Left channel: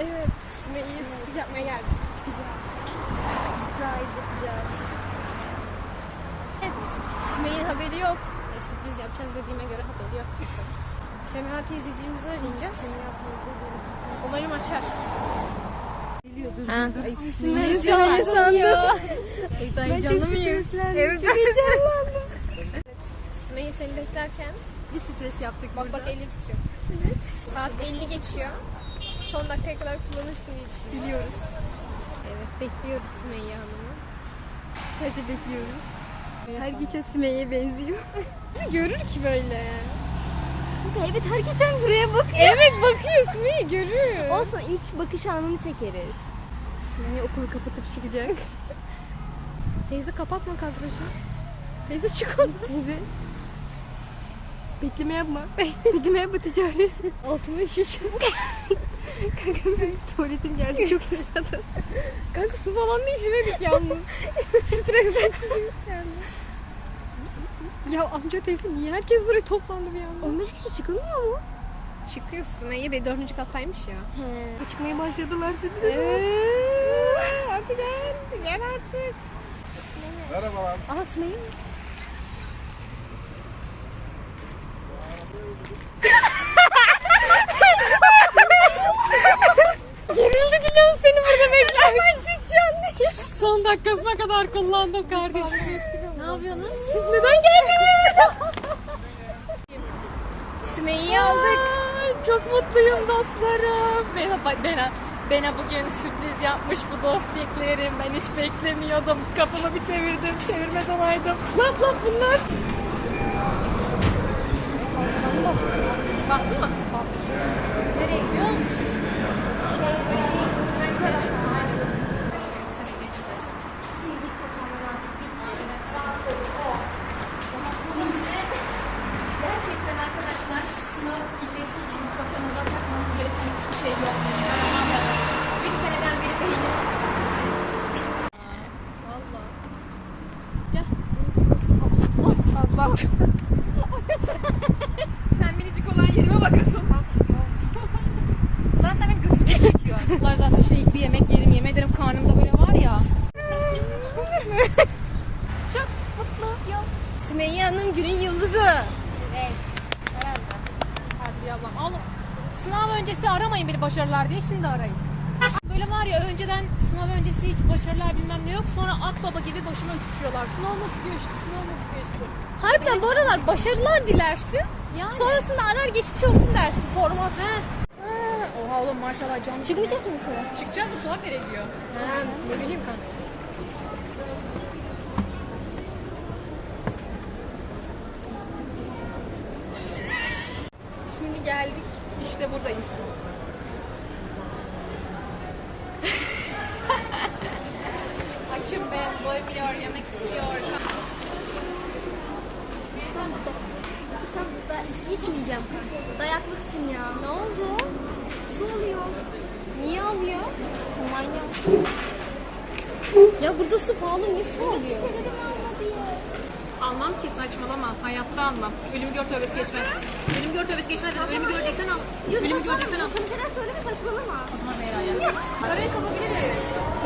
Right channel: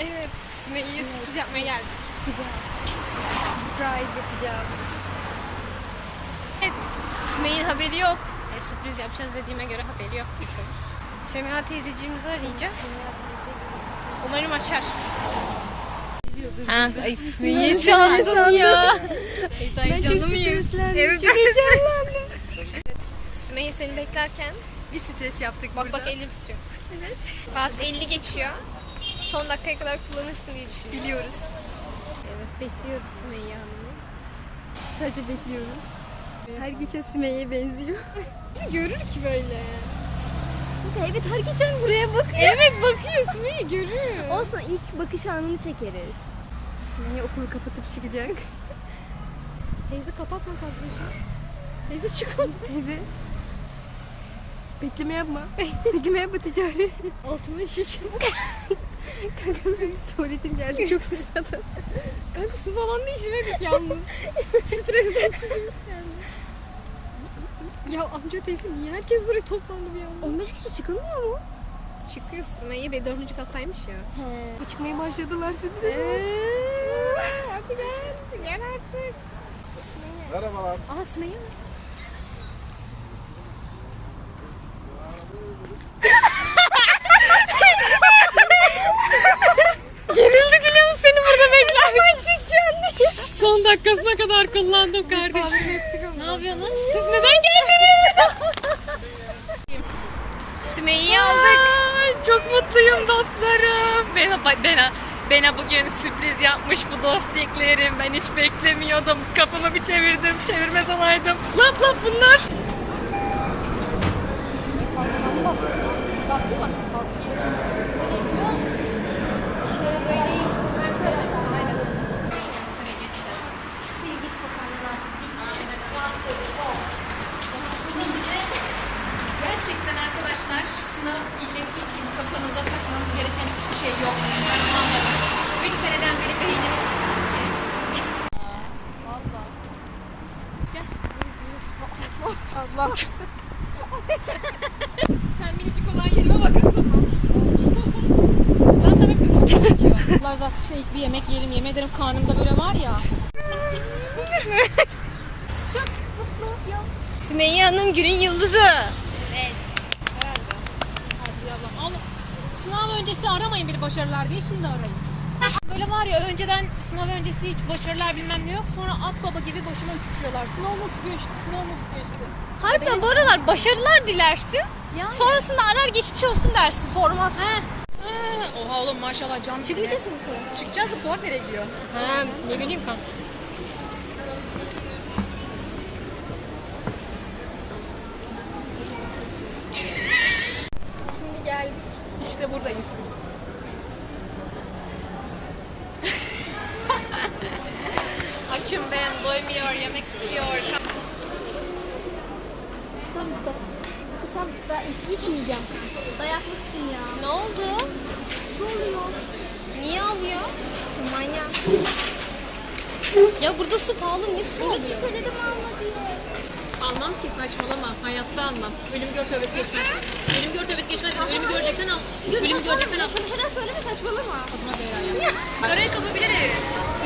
Evet. Sümeyye'ye sürpriz yapmaya geldik. surprise yapacağız. Evet. Sümeyye'nin haberi yok. E, sürpriz yapacağız dediğime göre haberi yok. Semiha teyzeciğimizi arayacağız. Umarım açar. Ha, ay Sümeyye sandım ya. Ay, Ben çok canım ya. Evet. Çok heyecanlandım. Sümeyye seni beklerken Bir stres yaptık bak burada. bak elim tutuyor. Evet. Saat 50 geçiyor. Son dakikaya kadar kullanırsın diye düşünüyorum. Biliyoruz. Evet bekliyoruz Sümeyye Hanım'ı. Sadece bekliyoruz. Her geçen Sümeyye'ye benziyor. Görür ki böyle. Evet her geçen buraya bakıyor. Evet bakıyor Sümeyye görür. Olsun ilk bakış anını çekeriz. Sümeyye okulu kapatıp çıkacak. Teyze kapatma kadrajı. Teyze çık oradan. Teyze. Bekleme yapma. Bekleme yapma ticari. Altıma işeceğim. Kanka benim de tuvaletim geldi çok susadım. Kanka su falan da içmedik yalnız. Stresten yani. Ya amca teyze niye herkes buraya toplandı bir anda? 15 kişi çıkılmıyor mu? Çıkıyor Sümeyye Bey dördüncü kattaymış ya. He. Çıkmaya başladılar seni hadi gel. Gel artık. Merhabalar. Aha Sümeyye mi? Gerildik biliyor musun seni burada beklerken çıkacaksın Son dakikasına kadar kullandım kardeşim. ne yapıyorsunuz? Siz neden geldiniz? Sümeyye'yi aldık. çok mutluyum dostlarım. Bena, Bena, Bena bugün sürpriz yapmış bu dostluklarım. Ben hiç beklemiyordum. Kafamı bir çevirdim. Çevirmez olaydım. Lap lap bunlar. Fazladan mı bastın? Sen minicik olan yerime bakasın. Lan sen hep götümü çekiyor. Razı olsun şimdi ilk bir yemek yiyelim. Yemin ederim karnımda böyle var ya. Çok mutlu ya. Sümeyye Hanım günün yıldızı. Evet. Herhalde. Hadi ablam. Ama sınav öncesi aramayın beni başarılar diye şimdi arayın. Böyle var ya önceden sınav öncesi hiç başarılar bilmem ne yok. Sonra at baba gibi boşuma uçuşuyorlar. Sınav nasıl geçti? Sınav nasıl geçti? Harbiden bu aralar başarılar dilersin. Yani. Sonrasında arar geçmiş olsun dersin sormaz. Ha, oha oğlum maşallah can Çıkmayacağız mı? Çıkacağız da salak nereye gidiyor? Ha, ne bileyim kanka. Dayaklısın ya. Ne oldu? Su oluyor. Niye alıyor? Manyak. Ya burada su pahalı, niye su alıyor? Almam ki saçmalama. Hayatta almam. Ölüm gör tövbesi geçmez. Ölüm gör tövbesi geçmez. Ölümü göreceksen al. Ölümü göreceksen al. Şöyle söyleme saçmalama. Zaman Zehra'ya. Karaoke kapabiliriz.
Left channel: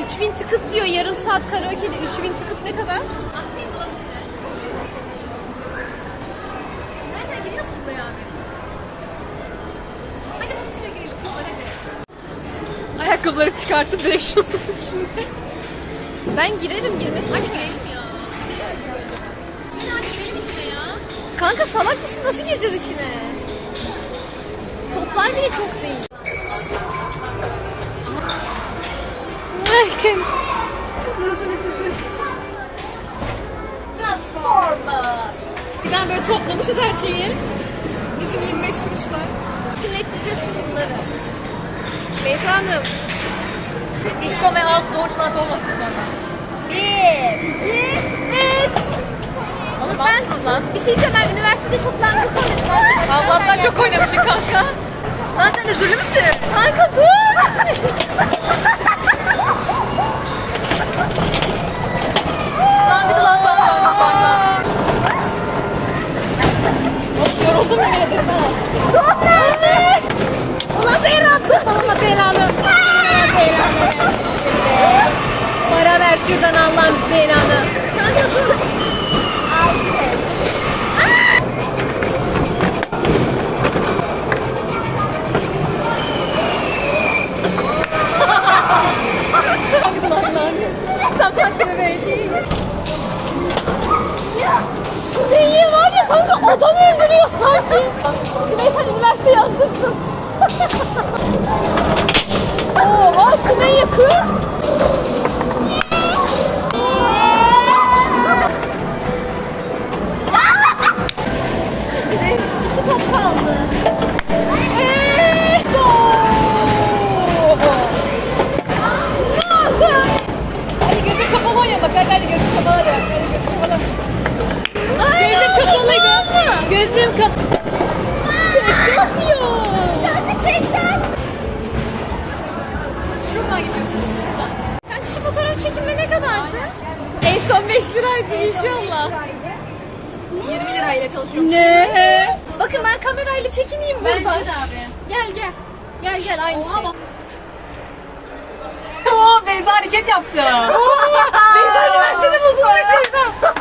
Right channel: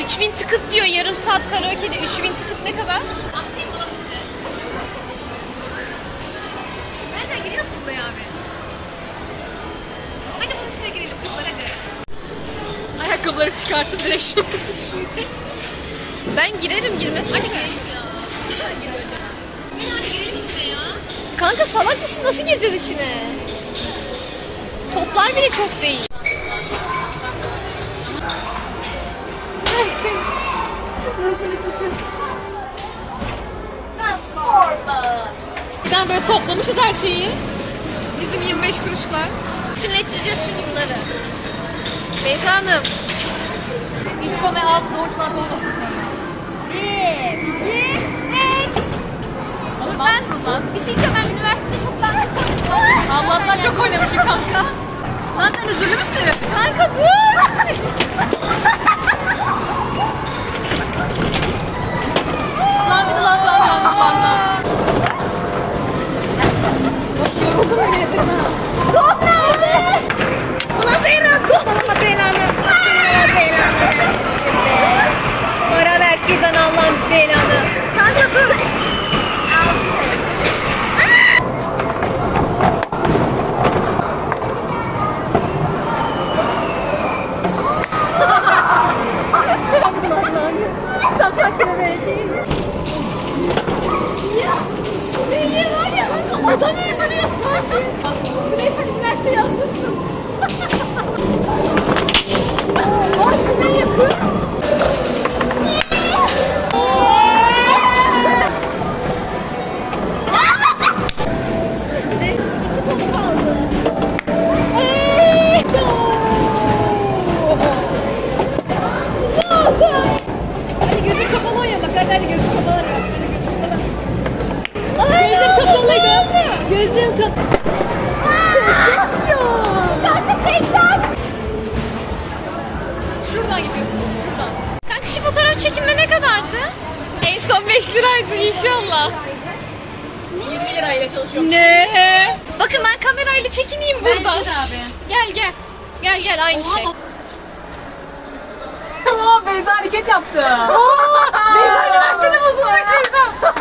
3000 tıkıt diyor yarım saat karaoke'de. 3000 tıkıt ne kadar? Atlayayım mı lan içine? Nereden giriyoruz ki buraya abi? İçine girelim kızlar hadi. Ayakkabıları çıkartıp direkt şey şimdi. Ben girerim girmesin. Hadi girelim ya. Gel hadi girelim içine ya. Kanka salak mısın? Nasıl gireceğiz içine? Toplar bile çok değil. Nasıl bir tutuş? Transformers. Birden böyle toplamışız her şeyi. Bizim 25 kuruşla. Bütünlettireceğiz şimdi bunları. Beyza Hanım. İlk ve az doğuşlar olmasın sonra. Bir, iki, üç. Oğlum ben lan. Bir şey diyeceğim ben üniversitede çok lanet oynadım. Allah'tan çok oynamışsın kanka. Lan sen özürlü müsün? Kanka dur. Gözüm kapalı. Tek atıyor. Kanka tek tak. Şuradan gidiyorsunuz şuradan. Kanka şu fotoğraf çekilme ne kadardı? En son 5 liraydı inşallah. 20 lirayla çalışıyorum. Ne? Bakın ben kamerayla çekineyim burada. Gel gel. Gel gel aynı şey. Oo, Beyza hareket yaptı. Beyza üniversitede bozulmuş Beyza.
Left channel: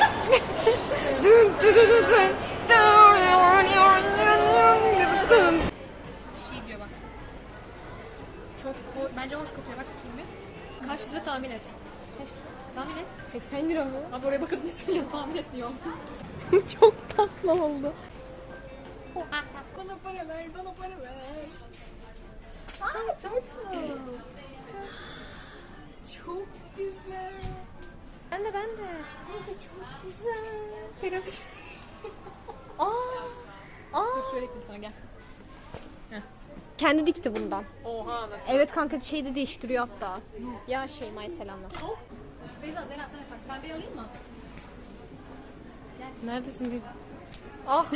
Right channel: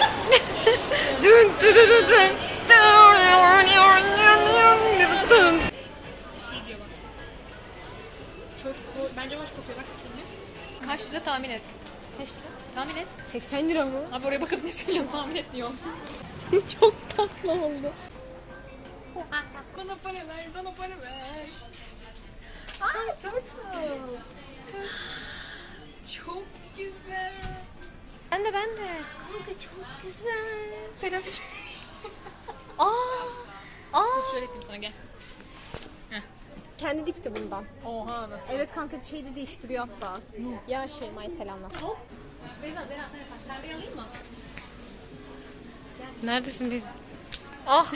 Dün dün dün dün. Şey. Çok bence hoş kokuyor bak bir. Kaç lira tahmin et. Kaç lira? Tahmin et. 80 lira mı? Abi oraya bakıp ne söylüyorsun tahmin et diyorum. Çok tatlı oldu. bana para ver, bana para ver. Aa, turtle. Çok güzel. Ben de ben de. Kanka çok güzel. Terapi. Aa. Aa. Şöyle yapayım sana gel. Kendi dikti bundan. Oha nasıl? Evet kanka şeyde değiştiriyor hatta. Ya şey May selamlar. Beyza Zera sen bak ben bir alayım mı? Neredesin biz? Ah.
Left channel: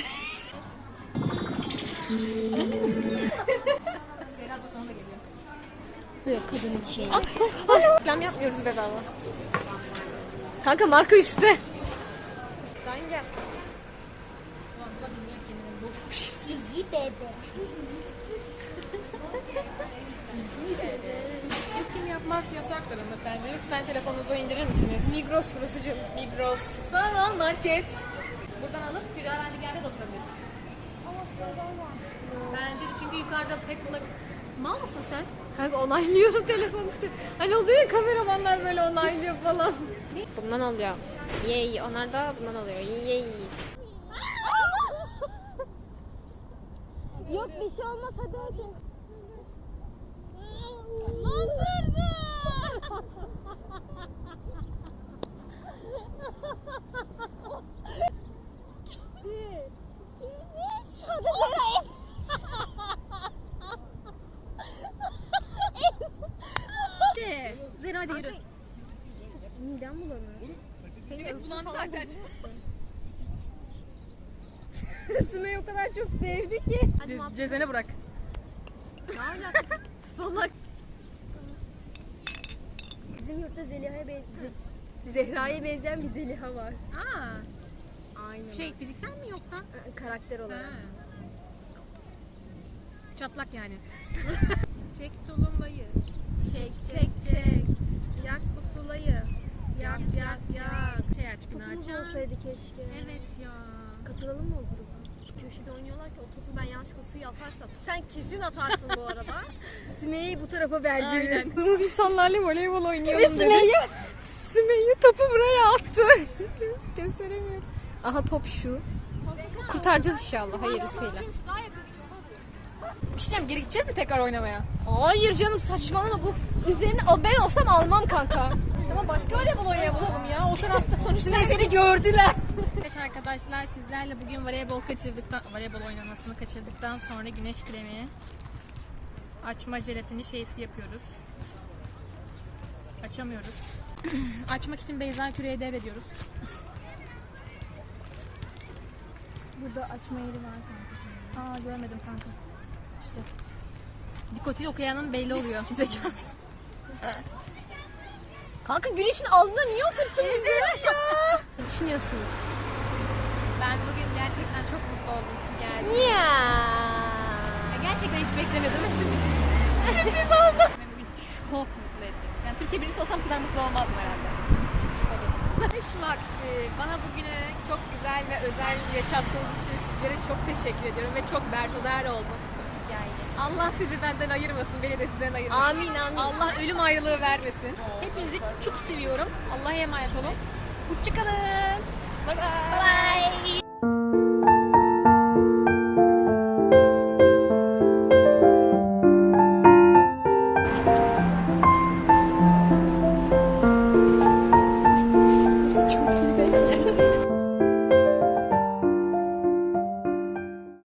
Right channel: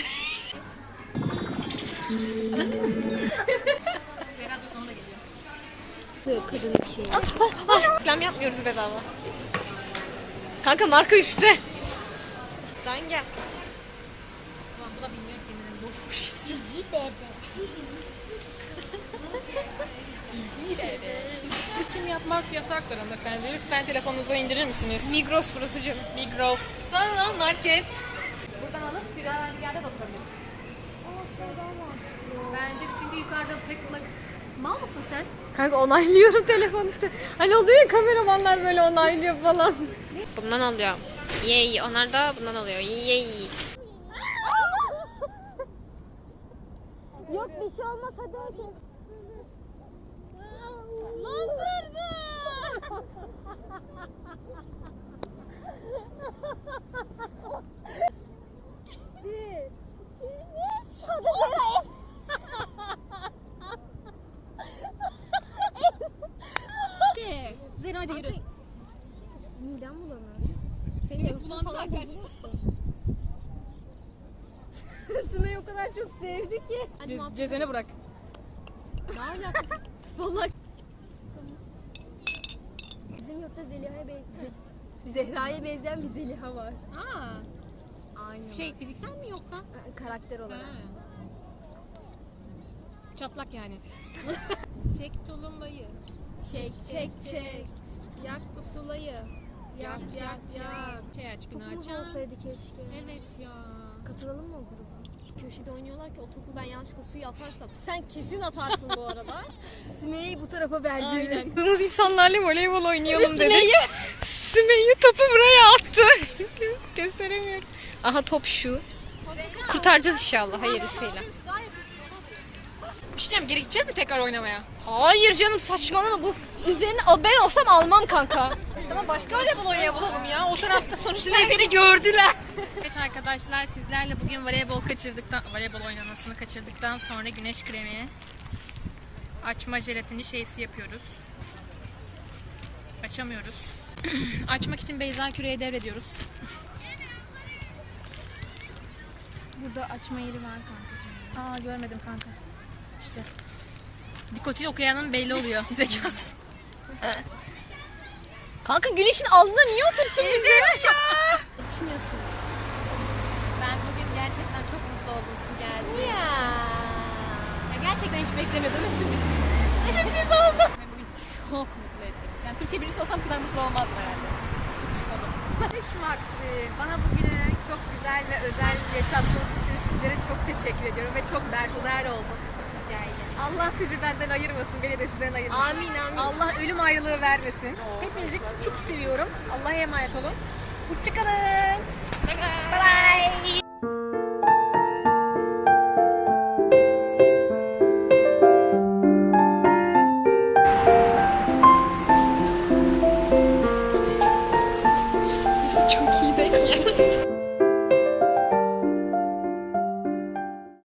Zera da sana da geliyor. Böyle tadını bir şey. Reklam yapmıyoruz bedava. Kanka marka üstte. Dan gel. Ulan bu da bilmiyor ki eminim boşmuş. Cici bebe. Çekim yapmak yasaktır hanımefendi. Lütfen telefonunuzu indirir misiniz? Migros burası canım. Migros. Sanal market. Buradan alıp bir öğrenci yerde de oturabiliriz. Bence de çünkü yukarıda pek bula... Mal mısın sen? Kanka onaylıyorum telefon işte. Hani oluyor ya kameramanlar böyle onaylıyor falan. Bundan alıyor. Yey. Onlar da bundan alıyor. Yey. Yok bir şey olmaz hadi hadi. Zera hadi yürü. Midem bulanıyor. Senin bulan zaten. Sümeyye o kadar çok sevdi ki. Ce- cezene bırak. Salak. Bizim yurtta Zeliha'ya benzeyen Zehra'ya benzeyen bir Zeliha var. Aa, Aynen. şey fiziksel mi yoksa? karakter olarak. Ha. Çatlak yani. çek tulumbayı. Çek Çek çek. Yak bu sulayı. Yak yak yak. Şey aç günü Topumuz açan. olsaydı keşke. Evet ya. Katılalım mı o gruba? Köşede oynuyorlar ki o topu ben yanlışlıkla suya atarsam. Sen kesin atarsın bu arada. Sümeyye'yi bu tarafa verdiniz. Aynen. Kızımız insanlarla voleybol oynayalım dedik. Sümeyye topu buraya attı. Gösteremiyorum. Aha top şu. Kurtaracağız inşallah hayırlısıyla. Bir şey diyeceğim, geri gideceğiz mi tekrar oynamaya? Hayır canım saçmalama bu. Üzerine o ben olsam almam kanka. Ama başka voleybol oynayalım ya. O tarafta sonuçta. seni gördüler. evet arkadaşlar sizlerle bugün voleybol kaçırdıktan, voleybol oynamasını kaçırdıktan sonra güneş kremi açma jelatini şeysi yapıyoruz. Açamıyoruz. Açmak için Beyza Küre'ye devrediyoruz. Burada açma yeri var kankacığım. Aa görmedim kanka. İşte. Dikotin okuyanın belli oluyor zekası. Kanka güneşin altında niye oturttun bizi? Ne düşünüyorsunuz? Ben bugün gerçekten çok mutlu oldum siz geldiğiniz için. Ya gerçekten hiç beklemiyordum. Sürpriz. Sürpriz oldu. Ve bugün çok mutlu etti Türkiye birincisi olsam bu kadar mutlu olmazdım herhalde. Çık. Kış vakti bana bugünü çok güzel ve özel yaşattığınız için sizlere çok teşekkür ediyorum ve çok berhudar oldum. Allah sizi benden ayırmasın, beni de sizden ayırmasın. Amin amin. Allah ölüm ayrılığı vermesin. Hepinizi çok seviyorum. Allah'a emanet olun. Hoşçakalın. Bye bye.